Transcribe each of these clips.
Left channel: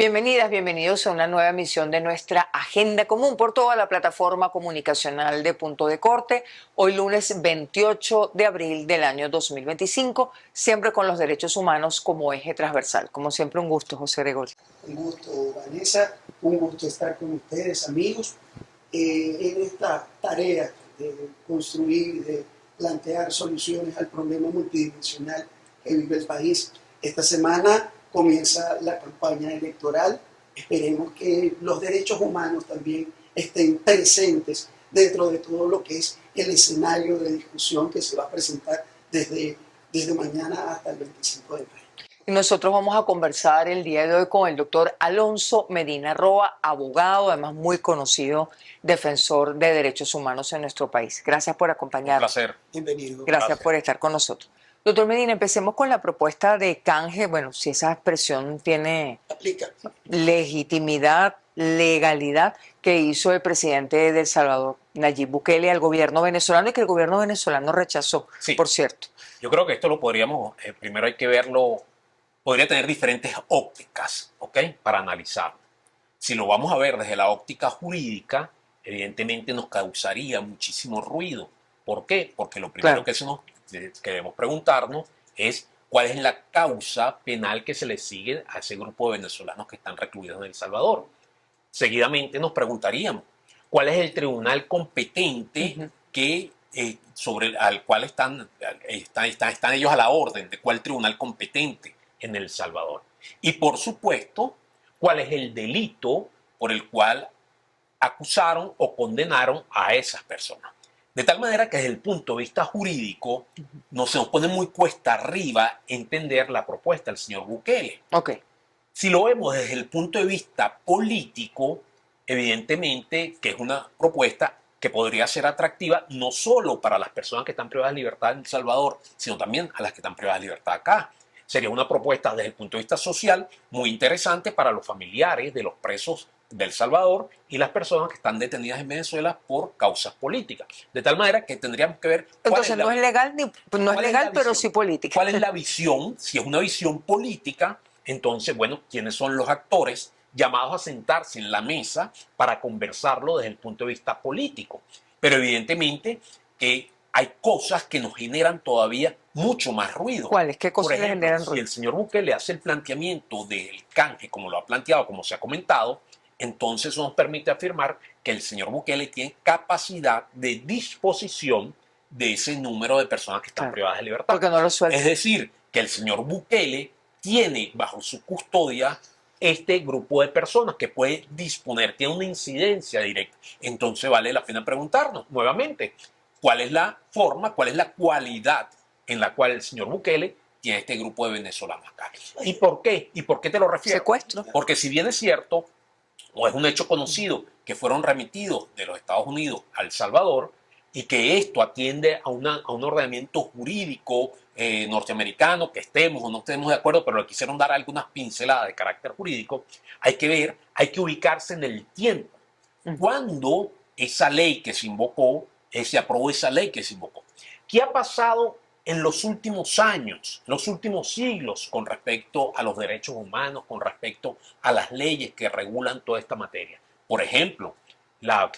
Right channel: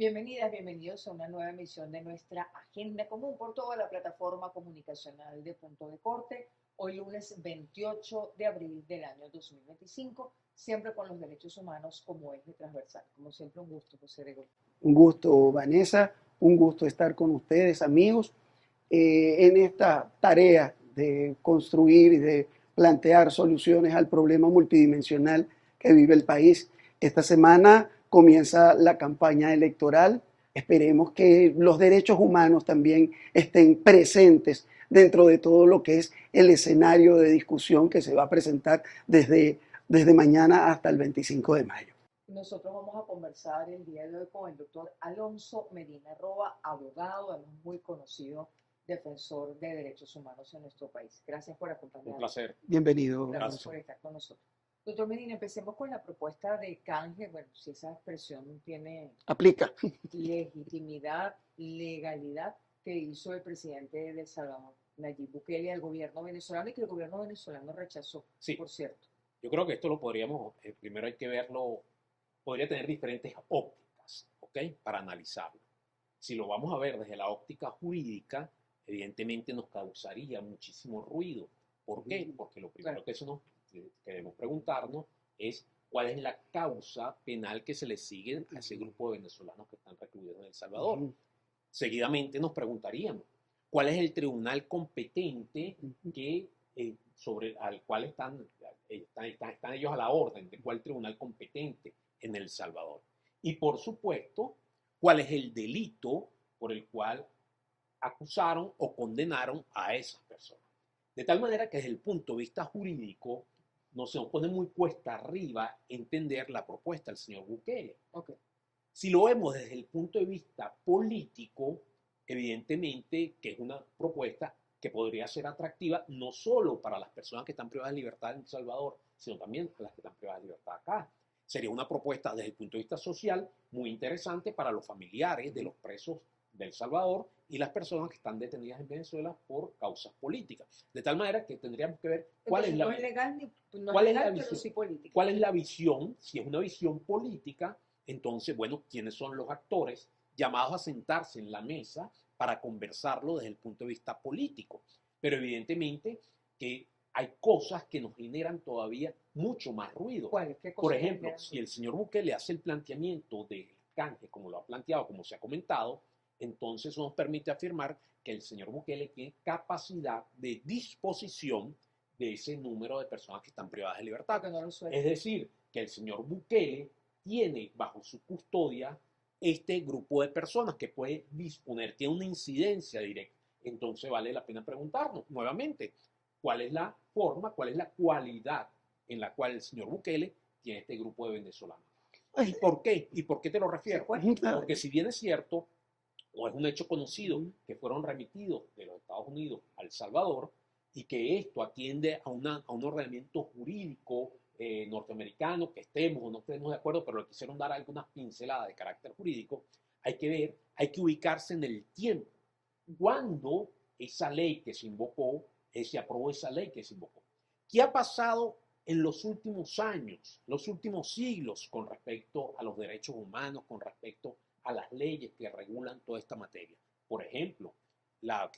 Bienvenidas, bienvenidos a una nueva emisión de nuestra Agenda Común por toda la plataforma comunicacional de Punto de Corte. Hoy lunes 28 de abril del año 2025, siempre con los derechos humanos como eje transversal. Como siempre, un gusto, José Gregorio. Un gusto, Vanessa, un gusto estar con ustedes, amigos, en esta tarea de construir y de plantear soluciones al problema multidimensional que vive el país. Esta semana comienza la campaña electoral. Esperemos que los derechos humanos también estén presentes dentro de todo lo que es el escenario de discusión que se va a presentar desde mañana hasta el 25 de mayo. Y nosotros vamos a conversar el día de hoy con el doctor Alonso Medina Roa, abogado, además muy conocido defensor de derechos humanos en nuestro país. Gracias por acompañarnos. Un placer. Bienvenido. Gracias por estar con nosotros. Doctor Medina, empecemos con la propuesta de canje. Bueno, si esa expresión tiene Aplica. legitimidad, legalidad, que hizo el presidente de El Salvador, Nayib Bukele, al gobierno venezolano y que el gobierno venezolano rechazó, Sí. por cierto. Yo creo que esto lo podríamos, primero hay que verlo, podría tener diferentes ópticas, ¿ok? Para analizarlo. Si lo vamos a ver desde la óptica jurídica, evidentemente nos causaría muchísimo ruido. ¿Por qué? Porque lo primero Claro. que debemos preguntarnos es cuál es la causa penal que se le sigue a ese grupo de venezolanos que están recluidos en El Salvador. Seguidamente nos preguntaríamos cuál es el tribunal competente que sobre al cual están ellos a la orden de cuál tribunal competente en El Salvador. Y por supuesto, cuál es el delito por el cual acusaron o condenaron a esas personas. De tal manera que desde el punto de vista jurídico se nos pone muy cuesta arriba entender la propuesta del señor Bukele. Ok. Si lo vemos desde el punto de vista político, evidentemente que es una propuesta que podría ser atractiva no solo para las personas que están privadas de libertad en El Salvador, sino también a las que están privadas de libertad acá. Sería una propuesta desde el punto de vista social muy interesante para los familiares de los presos de El Salvador y las personas que están detenidas en Venezuela por causas políticas. De tal manera que tendríamos que ver Entonces no es legal, no es legal, pero sí política. ¿Cuál es la visión? Si es una visión política, entonces, bueno, ¿quiénes son los actores llamados a sentarse en la mesa para conversarlo desde el punto de vista político? Pero evidentemente que hay cosas que nos generan todavía mucho más ruido. ¿Cuáles? ¿Qué cosas Por ejemplo, le generan si ruido? el señor Bukele hace el planteamiento del canje, como lo ha planteado, como se ha comentado, entonces eso nos permite afirmar que el señor Bukele tiene capacidad de disposición de ese número de personas que están privadas de libertad. Porque no lo suelta. Es decir, que el señor Bukele tiene bajo su custodia este grupo de personas que puede disponer, tiene una incidencia directa. Entonces vale la pena preguntarnos nuevamente, ¿cuál es la forma, cuál es la cualidad en la cual el señor Bukele tiene este grupo de venezolanos acá? ¿Y por qué? ¿Y por qué te lo refiero? Secuestro. Porque si bien es cierto, o es un hecho conocido, que fueron remitidos de los Estados Unidos a El Salvador y que esto atiende a un ordenamiento jurídico norteamericano, que estemos o no estemos de acuerdo, pero le quisieron dar algunas pinceladas de carácter jurídico, hay que ver, hay que ubicarse en el tiempo. ¿Cuándo esa ley que se invocó, se aprobó esa ley que se invocó? ¿Qué ha pasado en los últimos años, los últimos siglos con respecto a los derechos humanos, con respecto a las leyes que regulan toda esta materia? Por ejemplo,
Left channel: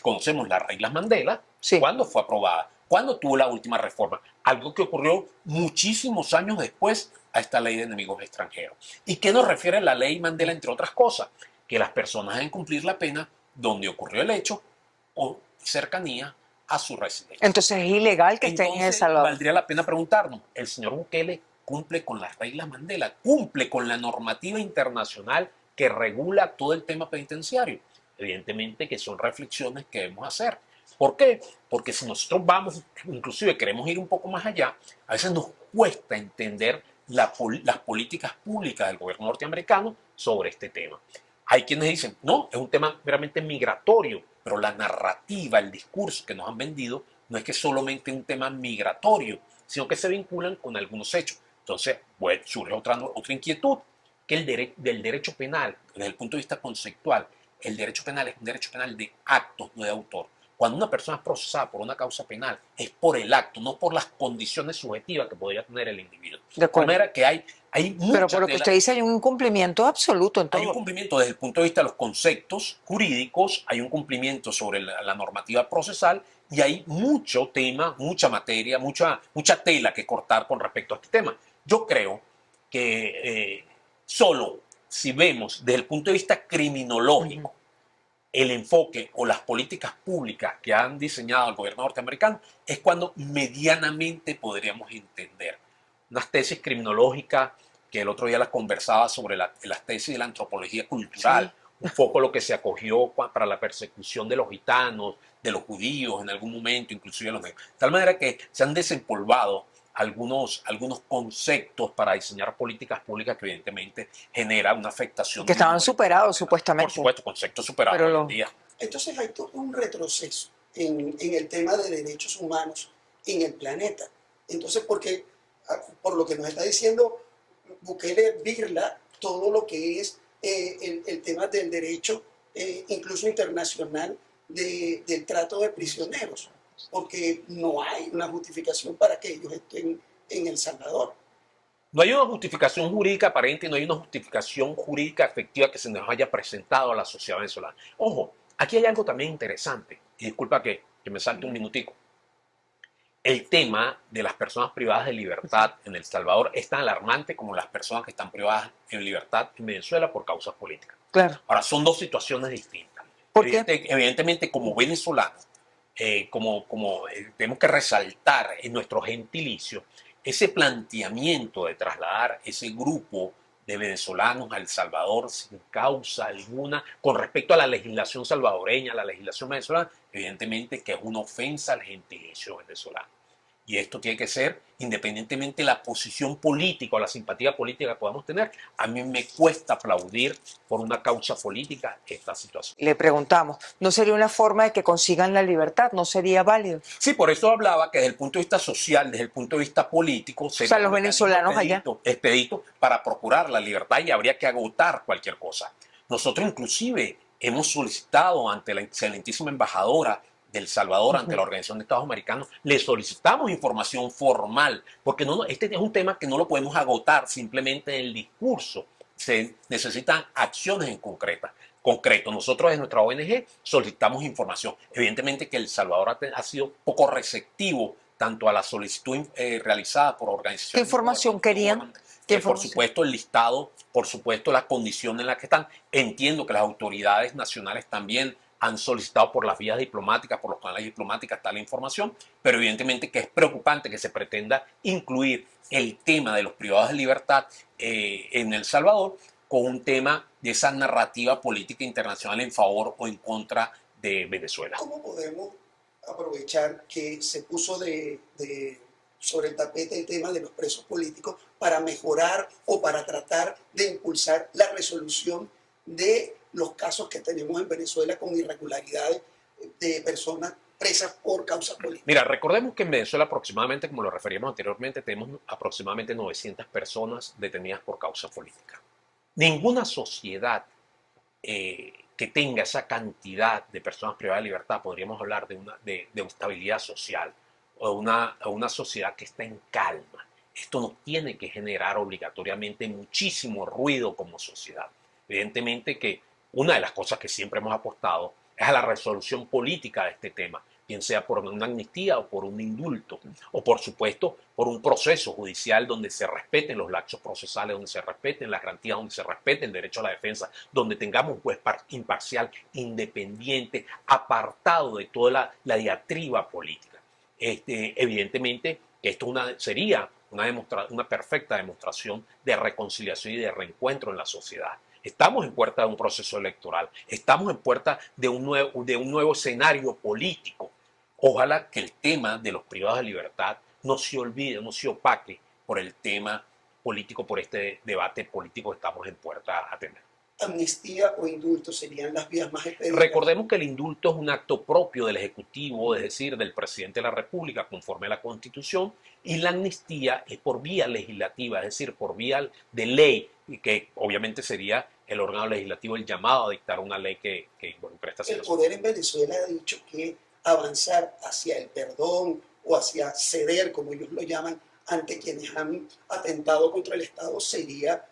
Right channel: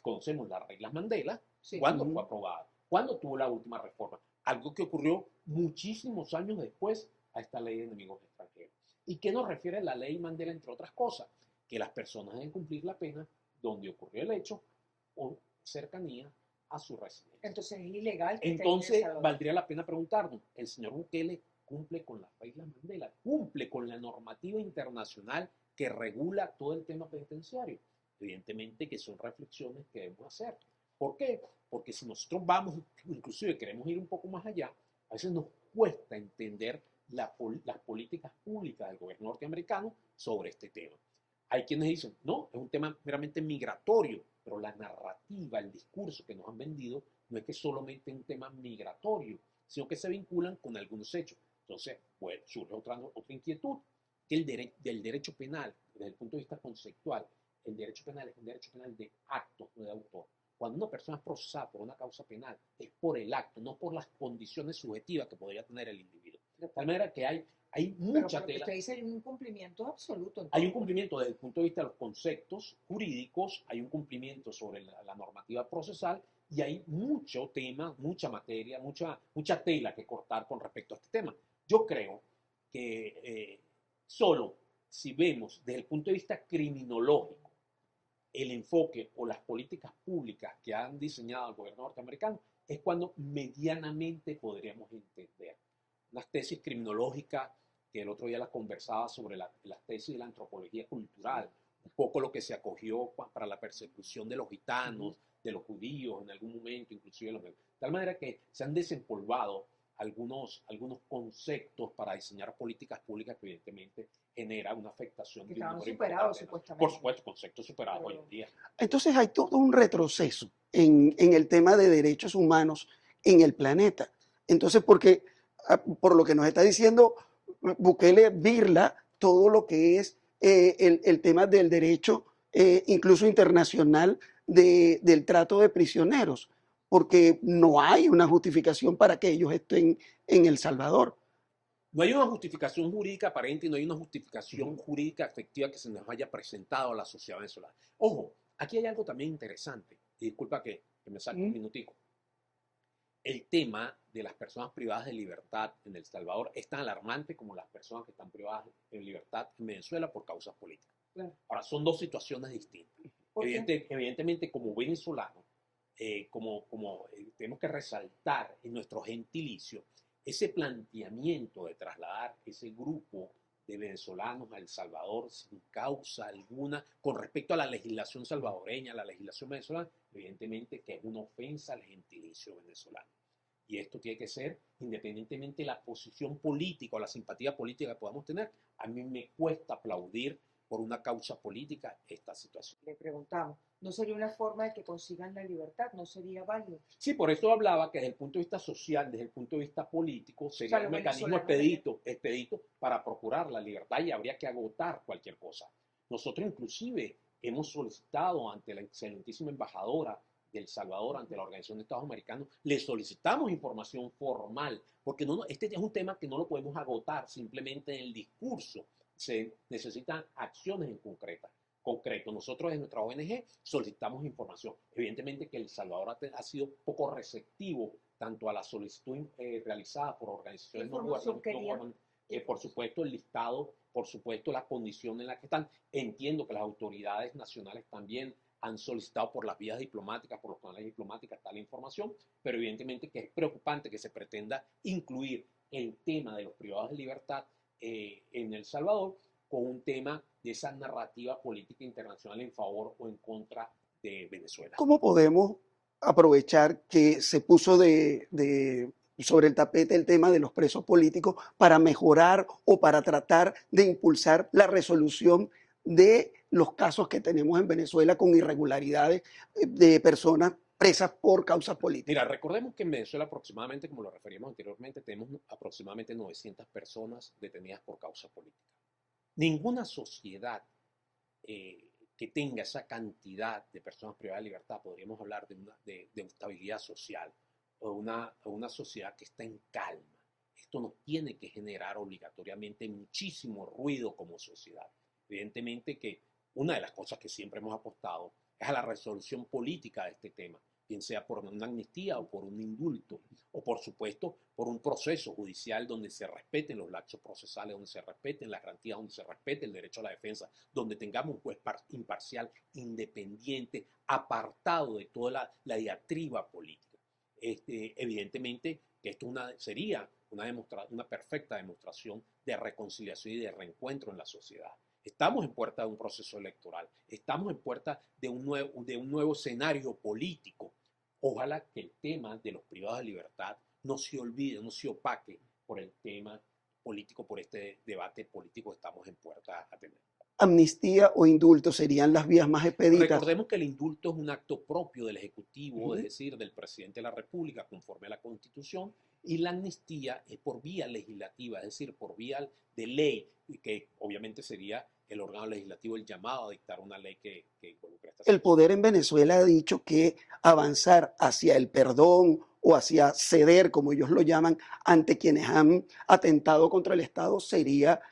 conocemos las reglas Mandela. Sí. ¿Cuándo fue aprobada? ¿Cuándo tuvo la última reforma? Algo que ocurrió muchísimos años después a esta ley de enemigos extranjeros. ¿Y qué nos refiere la ley Mandela, entre otras cosas? Que las personas deben cumplir la pena donde ocurrió el hecho o cercanía a su residencia. Entonces es ilegal que estén en El Salvador. Valdría la pena preguntarnos, ¿el señor Bukele cumple con las reglas Mandela? ¿Cumple con la normativa internacional que regula todo el tema penitenciario? Evidentemente que son reflexiones que debemos hacer. ¿Por qué? Porque si nosotros vamos, inclusive queremos ir un poco más allá, a veces nos cuesta entender las políticas públicas del gobierno norteamericano sobre este tema. Hay quienes dicen, no, es un tema meramente migratorio, pero la narrativa, el discurso que nos han vendido no es que solamente un tema migratorio, sino que se vinculan con algunos hechos. Entonces, bueno, surge otra inquietud, que del derecho penal, desde el punto de vista conceptual, el derecho penal es un derecho penal de actos, no de autor. Cuando una persona es procesada por una causa penal, es por el acto, no por las condiciones subjetivas que podría tener el individuo. De manera que hay Hay Pero mucha por lo que tela. usted dice, hay un incumplimiento absoluto en Hay un todo. cumplimiento desde el punto de vista de los conceptos jurídicos, hay un cumplimiento sobre la normativa procesal y hay mucho tema, mucha materia, mucha tela que cortar con respecto a este tema. Yo creo que solo si vemos desde el punto de vista criminológico el enfoque o las políticas públicas que han diseñado el gobierno norteamericano, es cuando medianamente podríamos entender unas tesis criminológicas que el otro día las conversaba sobre las tesis de la antropología cultural, Sí. un poco lo que se acogió para la persecución de los gitanos, de los judíos en algún momento, inclusive de los negros. De tal manera que se han desempolvado algunos conceptos para diseñar políticas públicas que evidentemente genera una afectación Que de un estaban número superados importante. Por supuestamente. supuesto, conceptos superados Pero hoy en día. Entonces hay todo un retroceso en el tema de derechos humanos en el planeta. Entonces, porque por lo que nos está diciendo Bukele, birla todo lo que es el tema del derecho, incluso internacional, del trato de prisioneros, porque no hay una justificación para que ellos estén en El Salvador. No hay una justificación jurídica aparente y no hay una justificación jurídica efectiva que se nos haya presentado a la sociedad venezolana. Ojo, aquí hay algo también interesante, y disculpa que me salte un minutico. El tema de las personas privadas de libertad en El Salvador es tan alarmante como las personas que están privadas en libertad en Venezuela por causas políticas. Claro. Ahora, son dos situaciones distintas. ¿Por qué? Evidentemente, como venezolanos, tenemos que resaltar en nuestro gentilicio ese planteamiento de trasladar ese grupo de venezolanos a El Salvador sin causa alguna con respecto a la legislación salvadoreña, la legislación venezolana, evidentemente que es una ofensa al gentilicio venezolano. Y esto tiene que ser, independientemente de la posición política o la simpatía política que podamos tener, a mí me cuesta aplaudir por una causa política esta situación. Le preguntamos, ¿no sería una forma de que consigan la libertad? ¿No sería válido? Sí, por eso hablaba que desde el punto de vista social, desde el punto de vista político, sería los un mecanismo venezolanos allá. expedito para procurar la libertad y habría que agotar cualquier cosa. Nosotros inclusive hemos solicitado ante la excelentísima embajadora del Salvador, ante la Organización de Estados Americanos, le solicitamos información formal, porque este es un tema que no lo podemos agotar simplemente en el discurso, se necesitan acciones en concreto. Nosotros en nuestra ONG solicitamos información. Evidentemente que El Salvador ha sido poco receptivo tanto a la solicitud realizada por organizaciones. ¿Qué información querían? Por supuesto, el listado, por supuesto, las condiciones en las que están. Entiendo que las autoridades nacionales también han solicitado por las vías diplomáticas, por los canales diplomáticos, tal información, pero evidentemente que es preocupante que se pretenda incluir el tema de los privados de libertad en El Salvador con un tema de esa narrativa política internacional en favor o en contra de Venezuela. ¿Cómo podemos aprovechar que se puso sobre el tapete el tema de los presos políticos para mejorar o para tratar de impulsar la resolución de los casos que tenemos en Venezuela con irregularidades de personas presas por causas políticas? Mira, recordemos que en Venezuela aproximadamente, como lo referíamos anteriormente, tenemos aproximadamente 900 personas detenidas por causa política. Ninguna sociedad que tenga esa cantidad de personas privadas de libertad, podríamos hablar de estabilidad social o de una sociedad que está en calma. Esto nos tiene que generar obligatoriamente muchísimo ruido como sociedad. Evidentemente que una de las cosas que siempre hemos apostado es a la resolución política de este tema, bien sea por una amnistía o por un indulto, o por supuesto por un proceso judicial donde se respeten los lapsos procesales, donde se respeten las garantías, donde se respete el derecho a la defensa, donde tengamos un juez imparcial, independiente, apartado de toda la diatriba política. Evidentemente, esto sería una perfecta demostración de reconciliación y de reencuentro en la sociedad. Estamos en puerta de un proceso electoral, estamos en puerta de un nuevo escenario político. Ojalá que el tema de los privados de libertad no se olvide, no se opaque por el tema político, por este debate político que estamos en puerta a tener. ¿Amnistía o indulto serían las vías más expeditas? Recordemos que el indulto es un acto propio del Ejecutivo, es decir, del Presidente de la República, conforme a la Constitución, y la amnistía es por vía legislativa, es decir, por vía de ley, que obviamente sería el órgano legislativo el llamado a dictar una ley que involucre esta situación. El poder en Venezuela ha dicho que avanzar hacia el perdón o hacia ceder, como ellos lo llaman, ante quienes han atentado contra el Estado, sería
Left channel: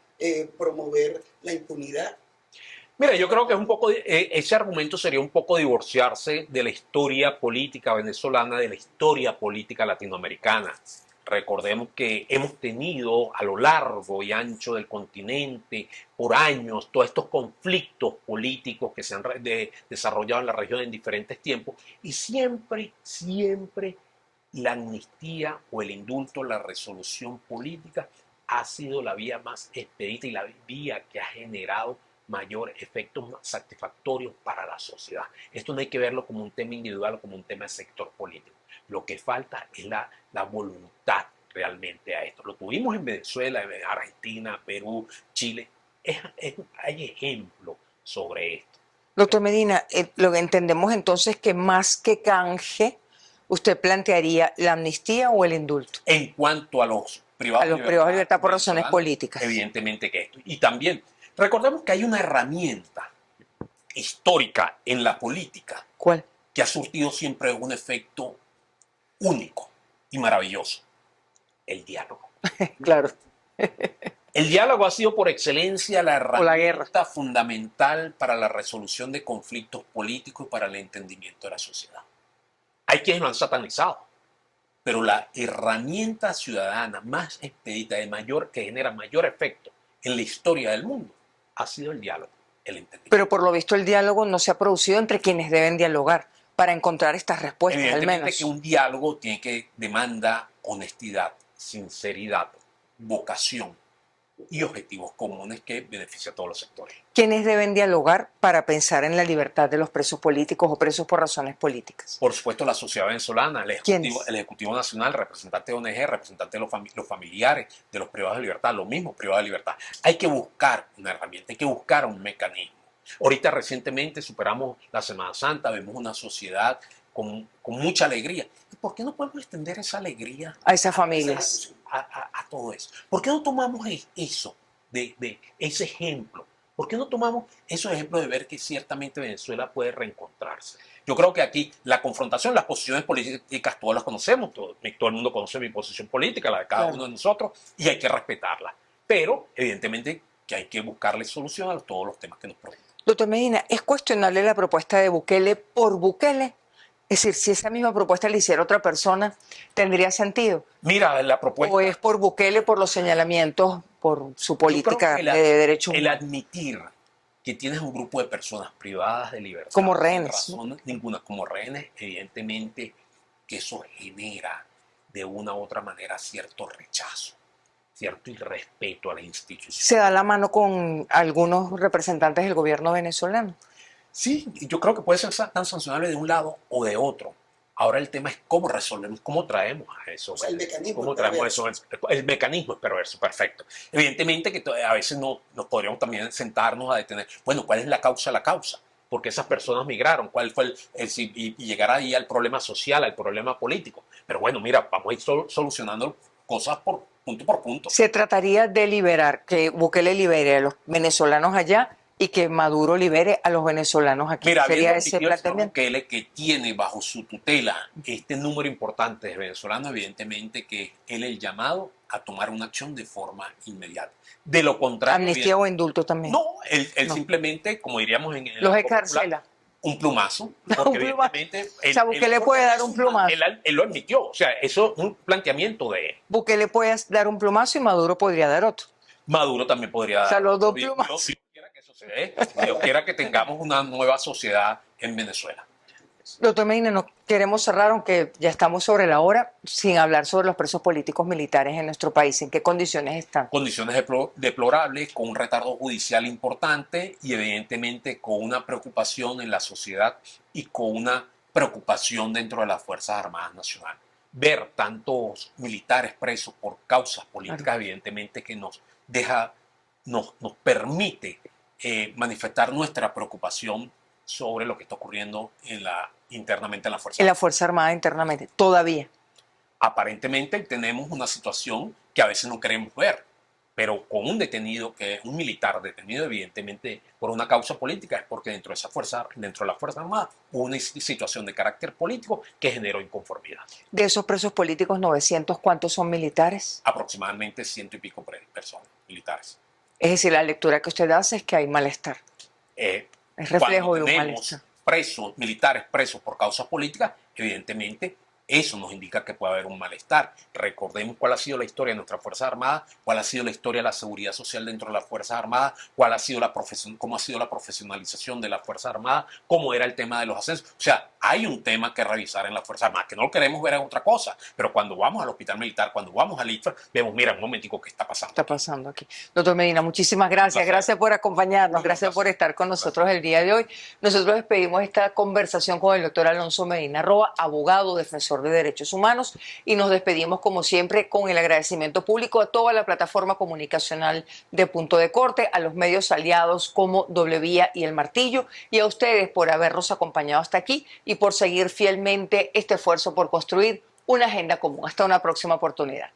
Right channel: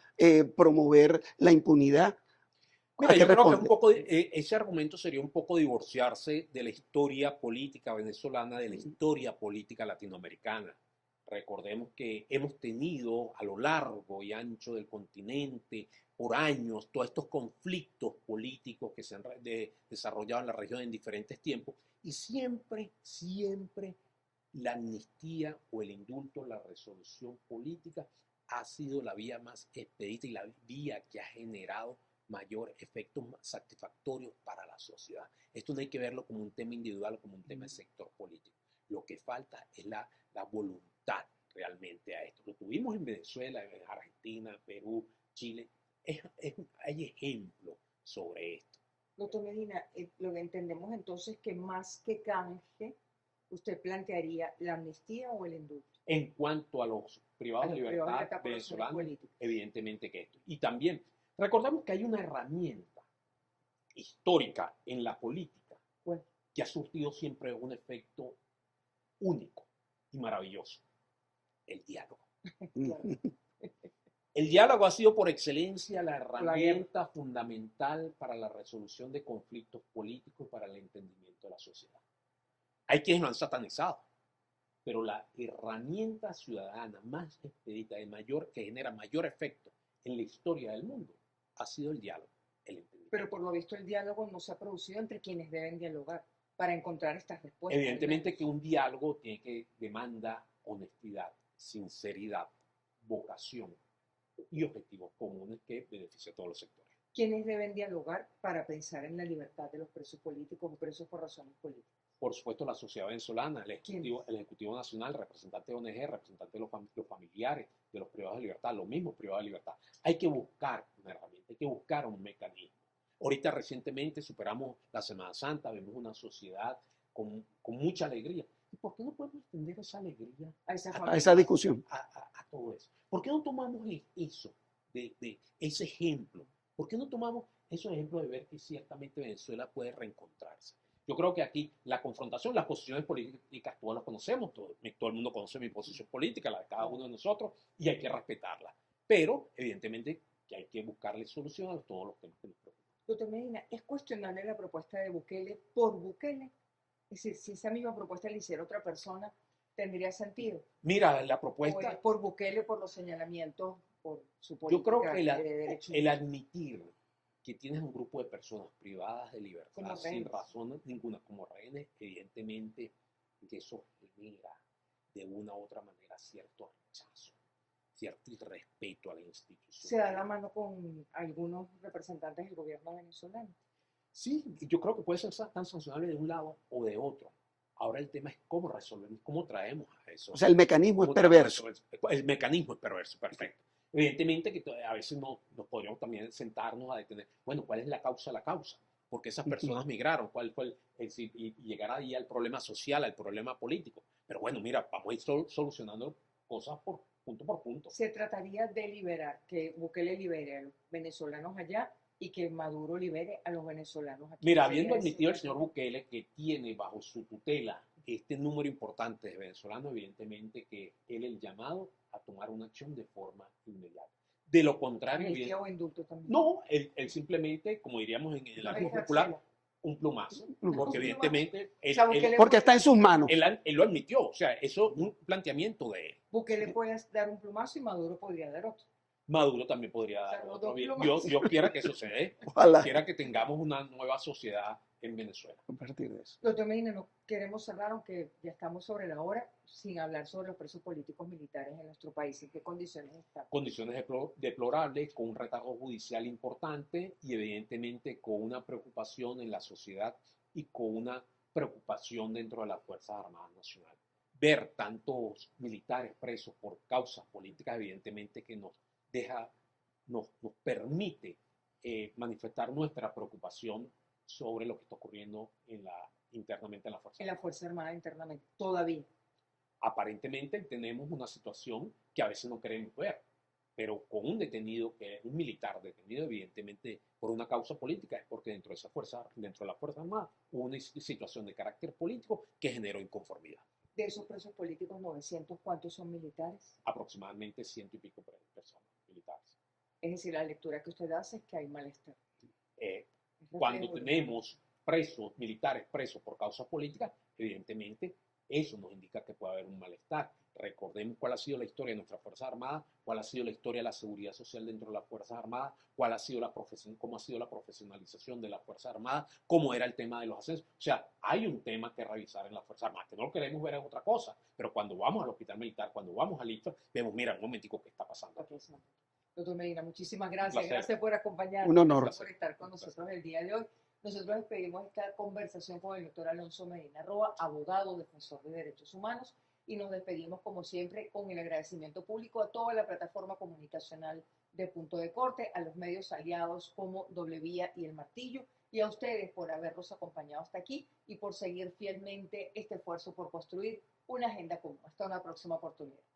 promover la impunidad. Mira, ¿A qué yo creo que responde? ese argumento sería un poco divorciarse de la historia política venezolana, de la historia política latinoamericana. Recordemos que hemos tenido a lo largo y ancho del continente por años todos estos conflictos políticos que se han desarrollado en la región en diferentes tiempos y siempre la amnistía o el indulto, la resolución política ha sido la vía más expedita y la vía que ha generado mayor efectos satisfactorios para la sociedad. Esto no hay que verlo como un tema individual o como un tema de sector político. Lo que falta es la voluntad realmente a esto. Lo tuvimos en Venezuela, en Argentina, Perú, Chile. Hay ejemplos sobre esto. Doctor Medina, lo que entendemos entonces que más que canje, usted plantearía la amnistía o el indulto En cuanto a los privados de libertad por razones venezolanos, políticas. evidentemente que esto. Y también, recordemos que hay una herramienta histórica en la política ¿Cuál? que ha surtido siempre un efecto único y maravilloso: el diálogo. Claro. El diálogo ha sido por excelencia la O la guerra. herramienta fundamental para la resolución de conflictos políticos y para el entendimiento de la sociedad. Hay quienes lo han satanizado, pero la herramienta ciudadana más expedita, que genera mayor efecto en la historia del mundo, ha sido el diálogo, el entendimiento. Pero por lo visto el diálogo no se ha producido entre quienes deben dialogar para encontrar estas respuestas, al Evidentemente menos. que un diálogo demanda honestidad, sinceridad, vocación y objetivos comunes que benefician a todos los sectores. ¿Quiénes deben dialogar para pensar en la libertad de los presos políticos o presos por razones políticas? Por supuesto, la sociedad venezolana, ¿Quiénes? el Ejecutivo Nacional, representante de ONG, representante de los familiares, de los privados de libertad, los mismos privados de libertad. Hay que buscar una herramienta, hay que buscar un mecanismo. Ahorita recientemente superamos la Semana Santa, vemos una sociedad con mucha alegría. ¿Y por qué no podemos extender esa alegría A esas Esa familias. discusión. a todo eso? ¿Por qué no tomamos eso, de ese ejemplo? ¿Por qué no tomamos esos ejemplos de ver que ciertamente Venezuela puede reencontrarse? Yo creo que aquí la confrontación, las posiciones políticas, todas las conocemos, todo el mundo conoce mi posición política, la de cada Claro. uno de nosotros, y hay que respetarla. Pero, evidentemente, que hay que buscarle solución a todos los temas que nos preocupan. Doctor Medina, ¿es cuestionable la propuesta de Bukele por Bukele? Es decir, si esa misma propuesta la hiciera otra persona, ¿tendría sentido? Mira, la propuesta... ¿O es por Bukele, por los señalamientos, por su política Yo de creo que derechos el humanos? admitir que tienes un grupo de personas privadas de libertad, Como sin rehenes, razón ninguna, como rehenes, evidentemente que eso genera de una u otra manera cierto rechazo, cierto irrespeto a la institución. ¿Se da la mano con algunos representantes del gobierno venezolano? Sí, yo creo que puede ser tan sancionable de un lado o de otro. Ahora el tema es cómo resolvemos, cómo traemos a eso. O sea, el mecanismo es ¿Cómo traemos perverso. eso? El mecanismo es perverso, perfecto. Evidentemente que a veces no nos podríamos también sentarnos a detener, bueno, ¿cuál es la causa de la causa? ¿Por qué esas personas migraron? ¿Cuál fue y llegar ahí al problema social, al problema político? Pero bueno, mira, vamos a ir solucionando cosas por punto. Se trataría de liberar, que Bukele libere a los venezolanos allá y que Maduro libere a los venezolanos aquí. Mira, ¿Sería habiendo ese admitido el señor planteamiento? Bukele que tiene bajo su tutela este número importante de venezolanos, evidentemente que él es el llamado a tomar una acción de forma inmediata. De lo contrario, ¿Amnistía o indulto también? no, él No. simplemente, como diríamos en el Los ámbito encarcela. popular, un plumazo, Un porque plumazo. evidentemente O sea, Bukele porque puede está en dar sus un manos. plumazo. él lo admitió, o sea, eso es un planteamiento de él. Bukele puede dar un plumazo y Maduro podría dar otro. Maduro también podría O sea, dar. los dos Dios, plumazos. Dios quiera que suceda, Dios quiera que tengamos una nueva sociedad en Venezuela. A partir de eso. Doctor Medina, no queremos cerrar, aunque ya estamos sobre la hora, sin hablar sobre los presos políticos militares en nuestro país. ¿En qué condiciones están? Condiciones deplorables, con un retardo judicial importante y evidentemente con una preocupación en la sociedad y con una preocupación dentro de las Fuerzas Armadas Nacionales. Ver tantos militares presos por causas políticas, Claro. evidentemente que nos permite manifestar nuestra preocupación sobre lo que está ocurriendo internamente en la Fuerza En la Armada. Fuerza Armada internamente, todavía. Aparentemente tenemos una situación que a veces no queremos ver, pero con un detenido, un militar detenido evidentemente por una causa política, es porque dentro de la Fuerza Armada hubo una situación de carácter político que generó inconformidad. De esos presos políticos, 900, ¿cuántos son militares? Aproximadamente 100 y pico personas militares. Es decir, la lectura que usted hace es que hay malestar. Es reflejo de un malestar. Presos, militares presos por causas políticas, evidentemente eso nos indica que puede haber un malestar. Recordemos cuál ha sido la historia de nuestras Fuerzas Armadas, cuál ha sido la historia de la seguridad social dentro de las Fuerzas Armadas, cuál ha sido cómo ha sido la profesionalización de las Fuerzas Armadas, cómo era el tema de los ascensos. O sea, hay un tema que revisar en las Fuerzas Armadas, que no lo queremos ver en otra cosa, pero cuando vamos al hospital militar, cuando vamos al IFA, vemos, mira, un momentico, ¿qué está pasando? Está pasando aquí. Doctor Medina, muchísimas gracias. Gracias por acompañarnos, gracias por estar con nosotros el día de hoy. Nosotros despedimos esta conversación con el doctor Alonso Medina Roa, abogado, defensor de derechos humanos, y nos despedimos como siempre con el agradecimiento público a toda la plataforma comunicacional de Punto de Corte, a los medios aliados como Doble Vía y El Martillo, y a ustedes por habernos acompañado hasta aquí y por seguir fielmente este esfuerzo por construir una agenda común. Hasta una próxima oportunidad.